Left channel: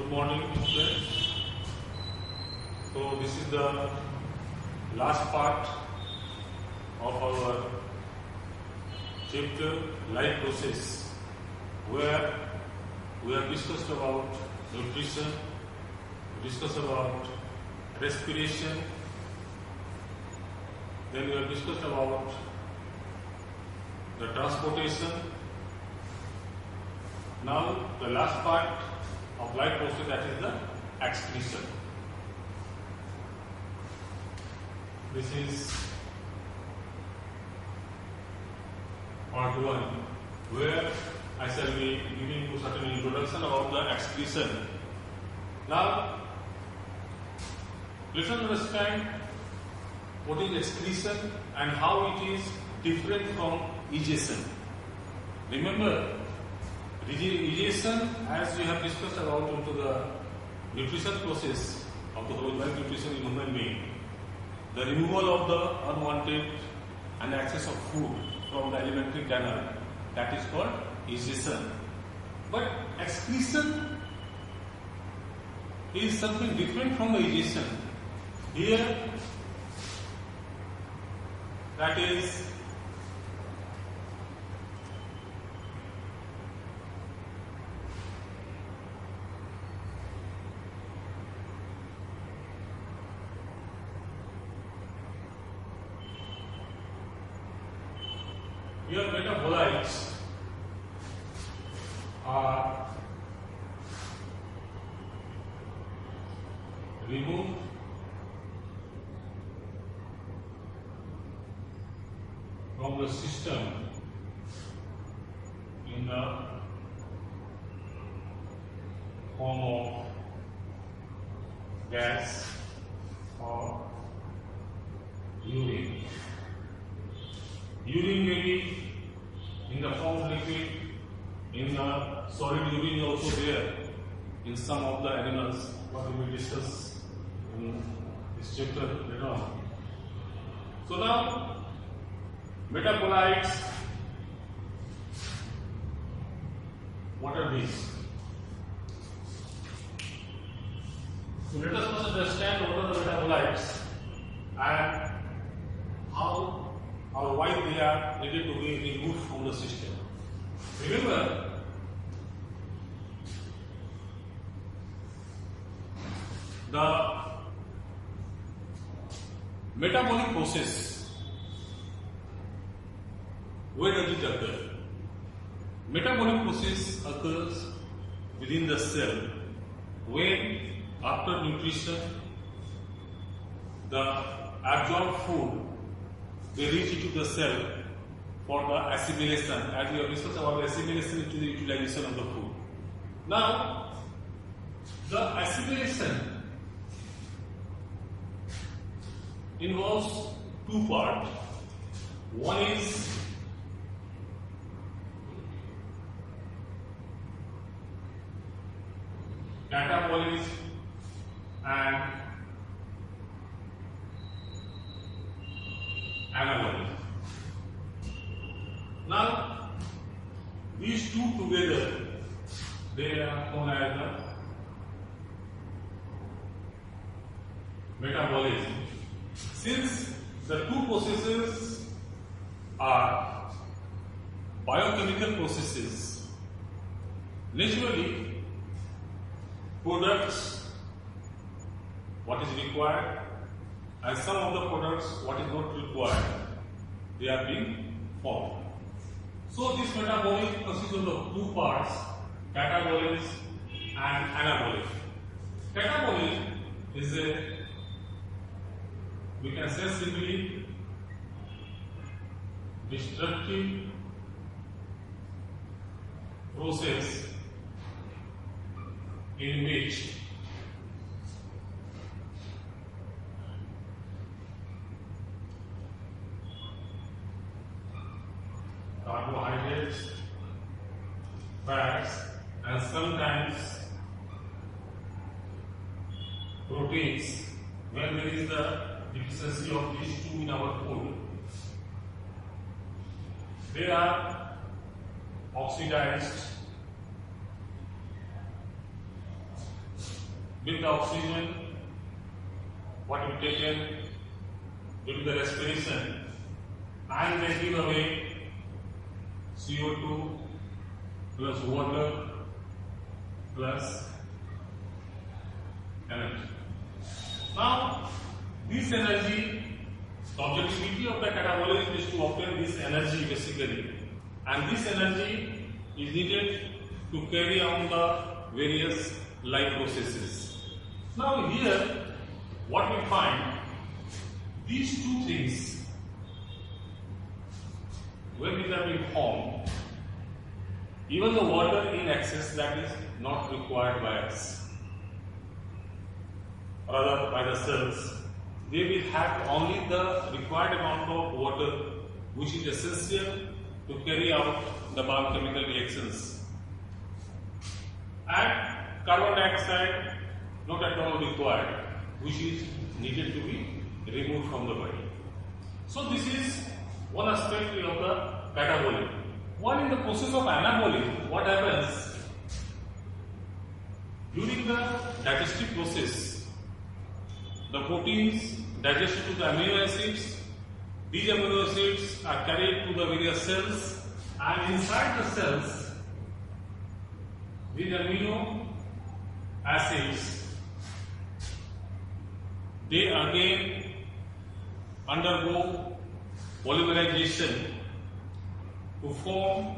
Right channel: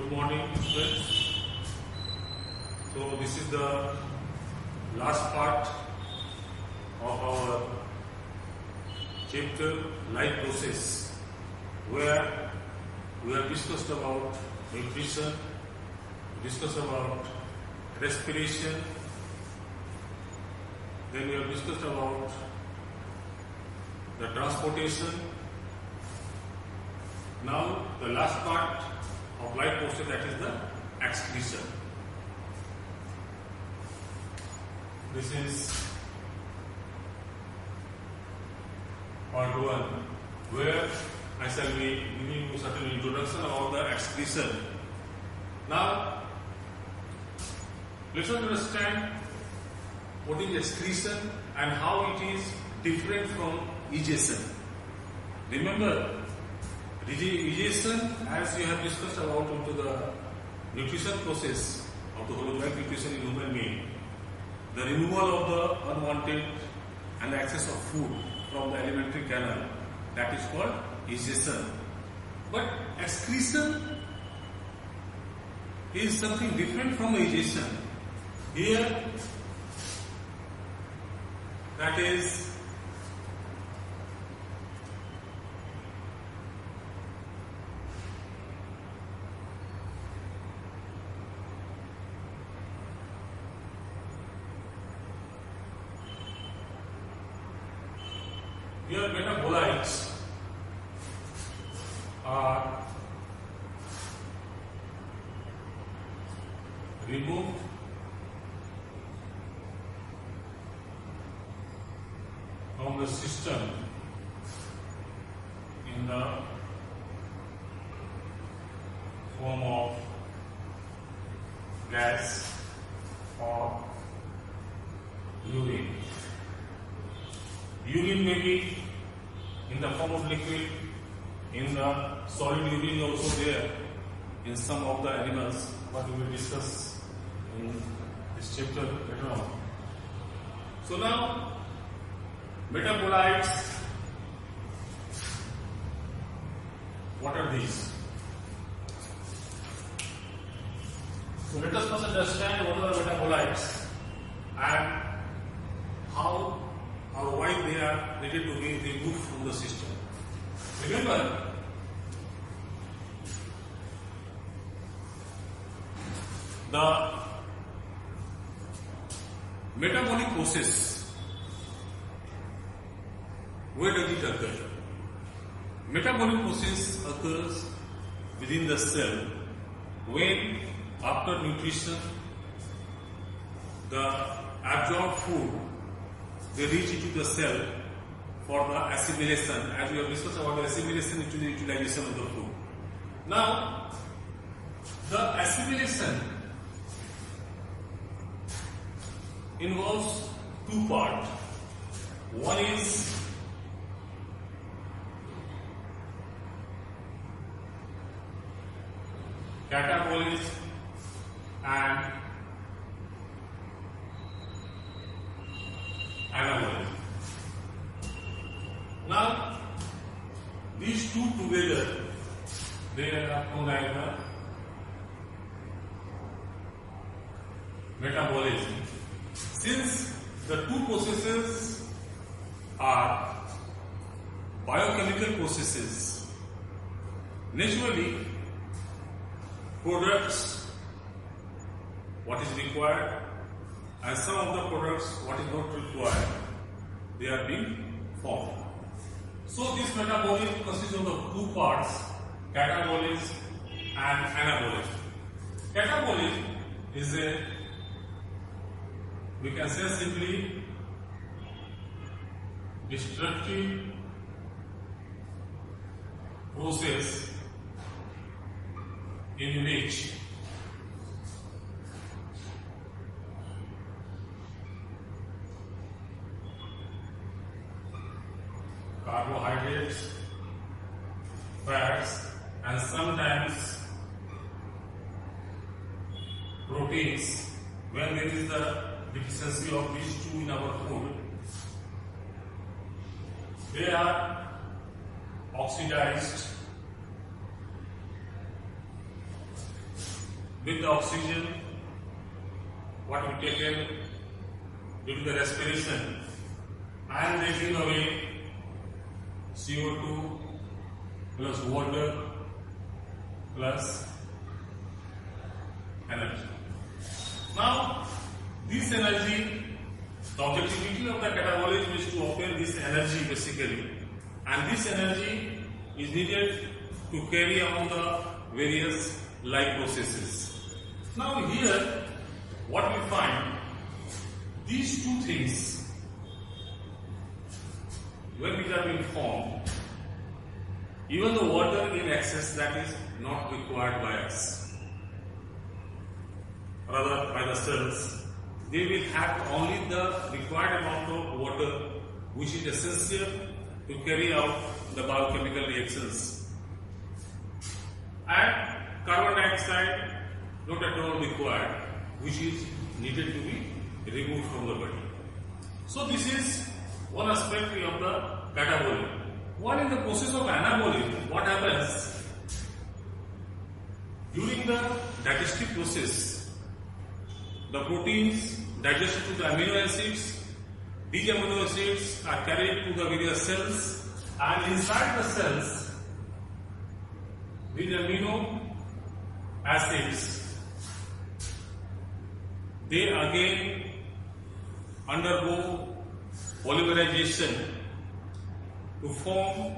Good morning, students. So this is the last part of our chapter life process, where we have discussed about nutrition, discussed about respiration, then we have discussed about the transportation. Now the last part of life process, that is the excretion. This is part 1, where I shall be giving you certain introduction about the excretion. Now let us understand what is excretion and how it is different from egestion. Remember, egestion, as we have discussed about into the nutrition process of the holozoic nutrition in human being, the removal of the unwanted and the excess of food from the alimentary canal, that is called egestion. But excretion is something different from the egestion. Here, that is your metabolites are removed from the system in the form of gas or urine. Urine may be in the form of liquid, in the solid urine also there in some of the animals, what we will discuss in this chapter later on. So now, metabolites, what are these? So let us first understand what are the metabolites and how or why they are needed to be removed from the system. Remember, the metabolic process, where does it occur? Metabolic process occurs within the cell when, after nutrition, the absorbed food, they reach into the cell for the assimilation, as we have discussed about the assimilation into the utilization of the food. Now, the assimilation involves two parts. One is catabolism and anabolism. Now, these two together, they are known as the metabolism. Since the two processes are biochemical processes, naturally, products, what is required, and some of the products, what is not required, they are being formed. So this metabolism consists of the two parts, catabolism and anabolism. Catabolism is a, we can say simply, destructive process in which carbohydrates, fats, and sometimes proteins, when there is the deficiency of these two in our food, they are oxidized with the oxygen what we taken during the respiration, and they give away CO2 plus water plus energy. Now, this energy, the objectivity of the catabolism is to obtain this energy basically, and this energy is needed to carry on the various life processes. Now here, what we find, these two things, when these are being formed, even the water in excess, that is not required by us, rather by the cells, they will have only the required amount of water which is essential to carry out the biochemical reactions, and carbon dioxide not at all required, which is needed to be removed from the body. So this is one aspect of the catabolism. While in the process of anabolism, what happens during the digestive process, the proteins digested to the amino acids, these amino acids are carried to the various cells, and inside the cells, these amino acids, they again undergo polymerization to form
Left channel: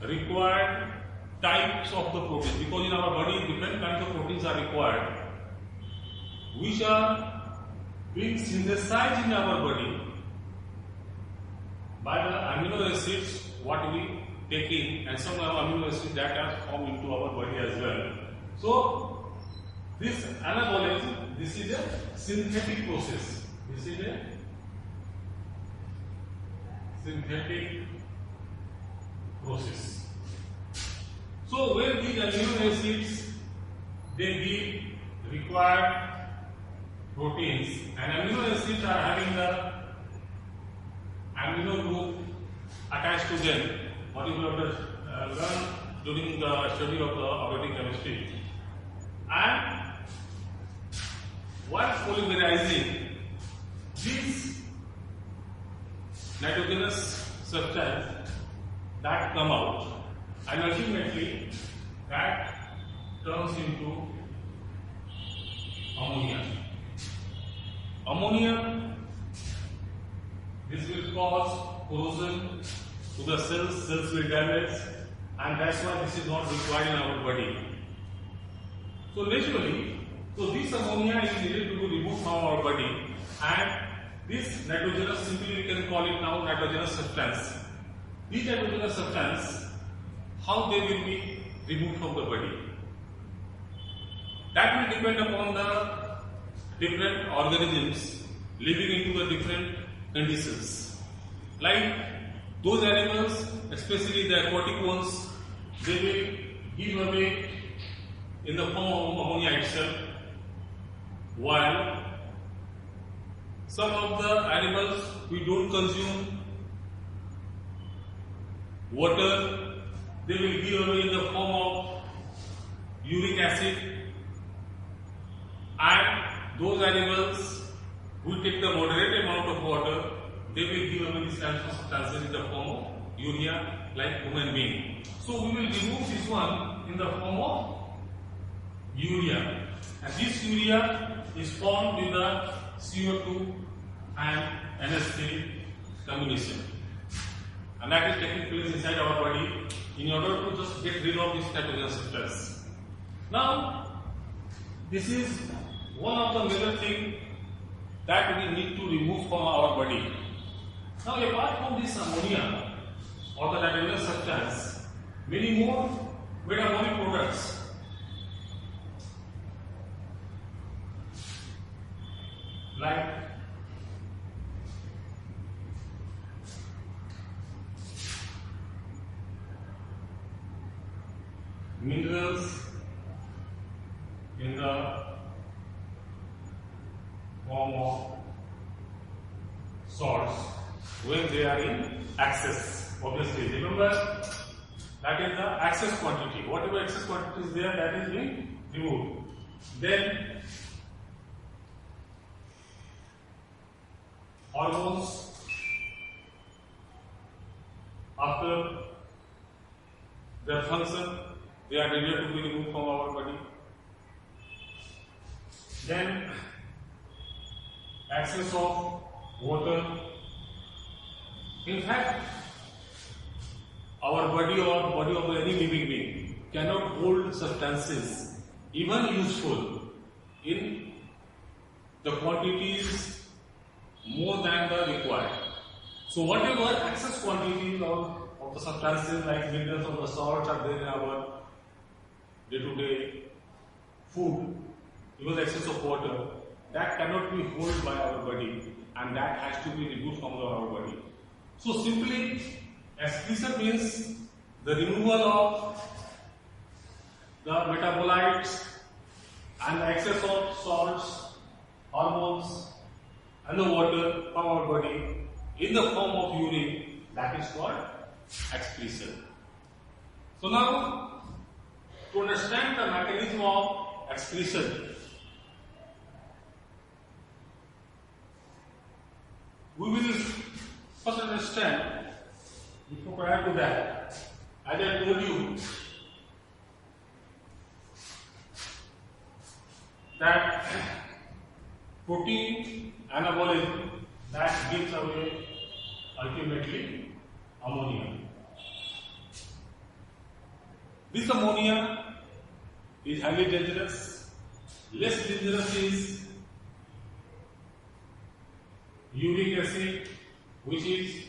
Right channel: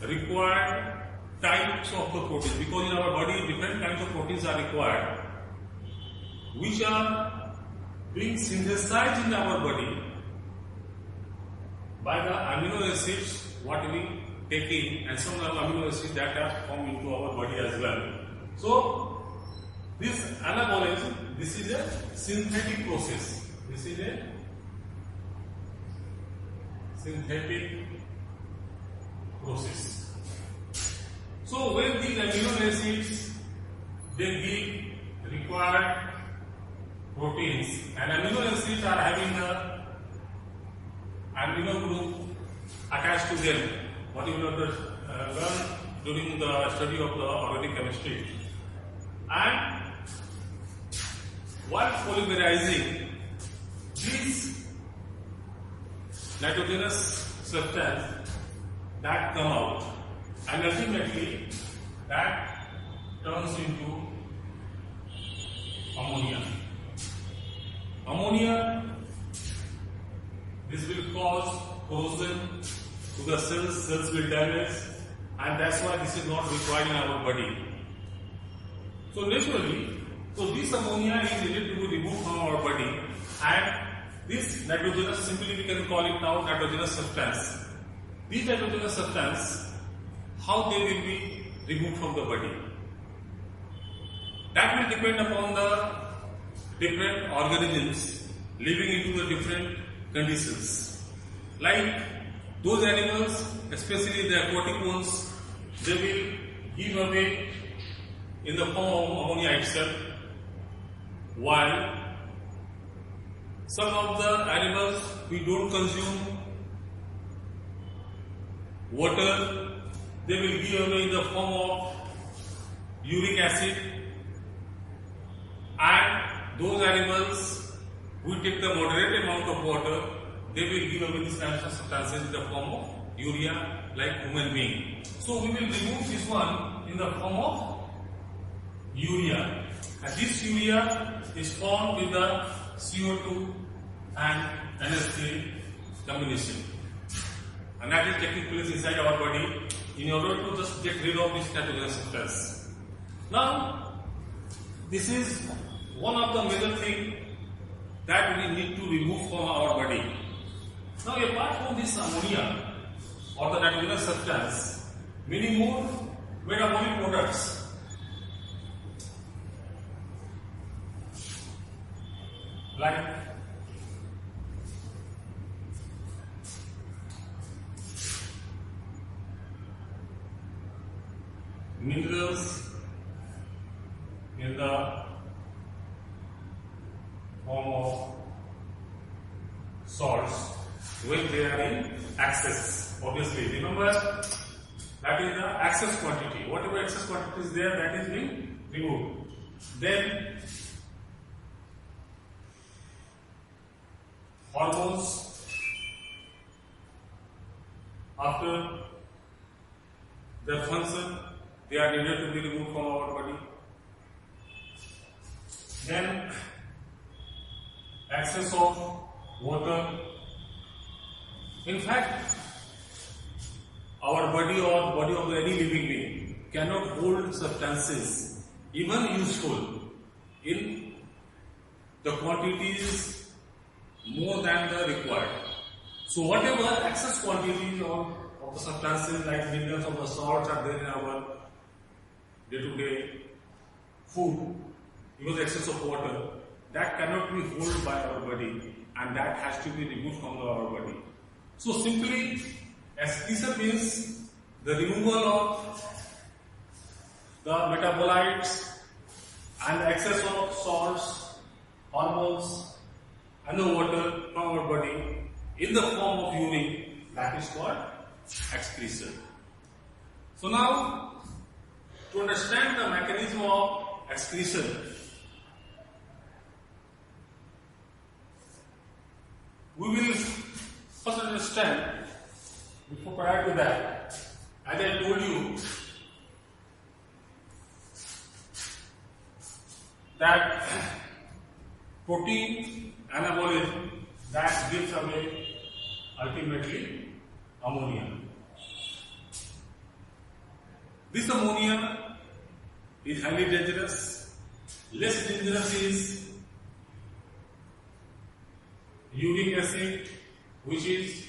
required types of the proteins, because in our body different kinds of proteins are required, which are being synthesized in our body by the amino acids what we take in, and some amino acids that are formed into our body as well. So this anabolism, this is a synthetic process. This is a synthetic process. So when these amino acids, they give required proteins, and amino acids are having the amino group attached to them, what you will learn during the study of the organic chemistry. And while polymerizing, these nitrogenous substance that come out, and ultimately that turns into ammonia. Ammonia, this will cause corrosion to the cells, cells will damage, and that's why this is not required in our body. So naturally, this ammonia is needed to be removed from our body, and this nitrogenous, simply we can call it now nitrogenous substance. These nitrogenous substance, how they will be removed from the body? That will depend upon the different organisms living into the different conditions. Like those animals, especially the aquatic ones, they will give away in the form of ammonia itself, while some of the animals we don't consume water, they will give away in the form of uric acid, and those animals who take the moderate amount of water, they will give away these kinds of substances in the form of urea, like human being. So we will remove this one in the form of urea, and this urea is formed with the CO2 and NH3 combination, and that is taking place inside our body in order to just get rid of this nitrogenous substance. Now, this is one of the major things that we need to remove from our body. Now, apart from this ammonia or the nitrogenous substance, many more metabolic products like minerals in the form of salts when they are in excess. Obviously, remember that is the excess quantity. Whatever excess quantity is there, that is being removed. Then hormones, after their function, they are needed to be removed from our body. Then excess of water. In fact, our body or the body of any living being cannot hold substances, even useful, in the quantities more than the required. So whatever excess quantities of the substances like minerals or the salts are there in our day-to-day food, even the excess of water, that cannot be held by our body and that has to be removed from our body. So simply, excretion means the removal of the metabolites and the excess of salts, hormones and the water from our body in the form of urine, that is called excretion. So now, to understand the mechanism of excretion, we will first understand, before prior to that, as I told you, that protein anabolism that gives away ultimately ammonia. This ammonia is highly dangerous. Less dangerous is uric acid, which is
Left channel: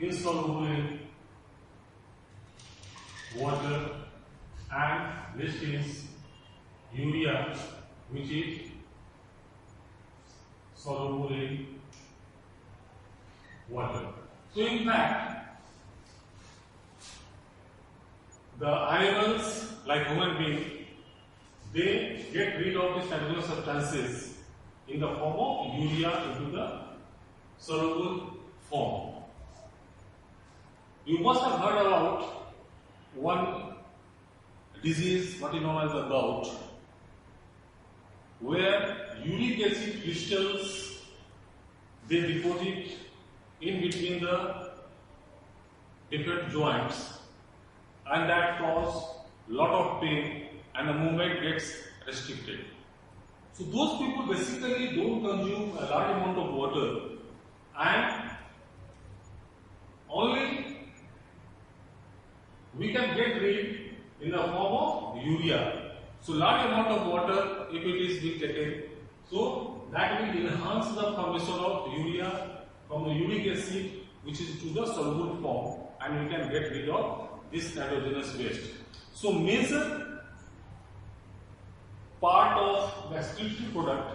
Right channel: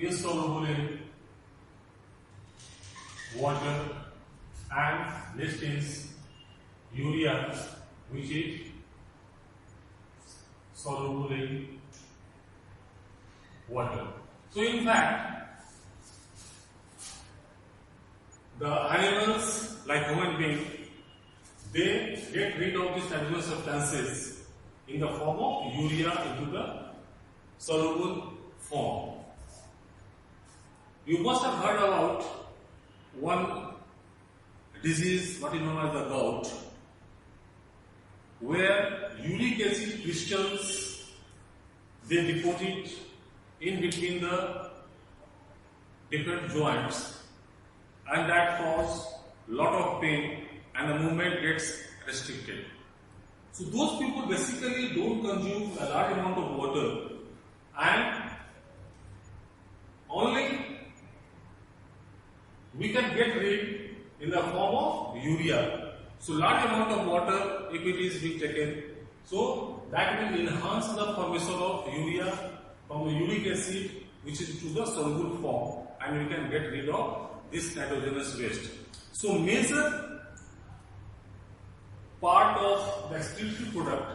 insoluble in water, and next is urea, which is soluble in water. So in fact, the animals like human beings, they get rid of these nitrogenous substances in the form of urea into the soluble form. You must have heard about one disease, what is known as the gout, where uric acid crystals, they deposit in between the different joints, and that cause lot of pain and the movement gets restricted. So those people basically don't consume a large amount of water, and only we can get rid in the form of urea. So large amount of water, if it is being taken, so that will enhance the formation of urea from the uric acid, which is to the soluble form, and we can get rid of this nitrogenous waste. So major part of the excretory product,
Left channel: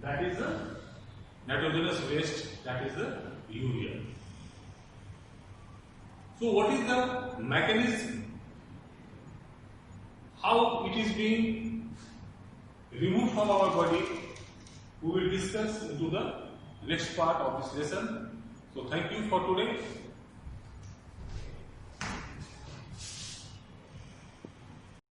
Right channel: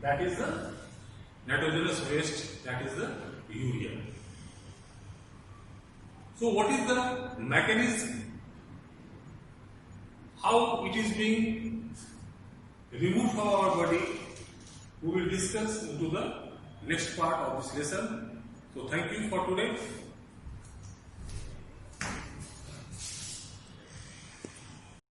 that is the nitrogenous waste, that is the urea. So what is the mechanism, how it is being removed from our body, we will discuss into the next part of this lesson. So thank you for today.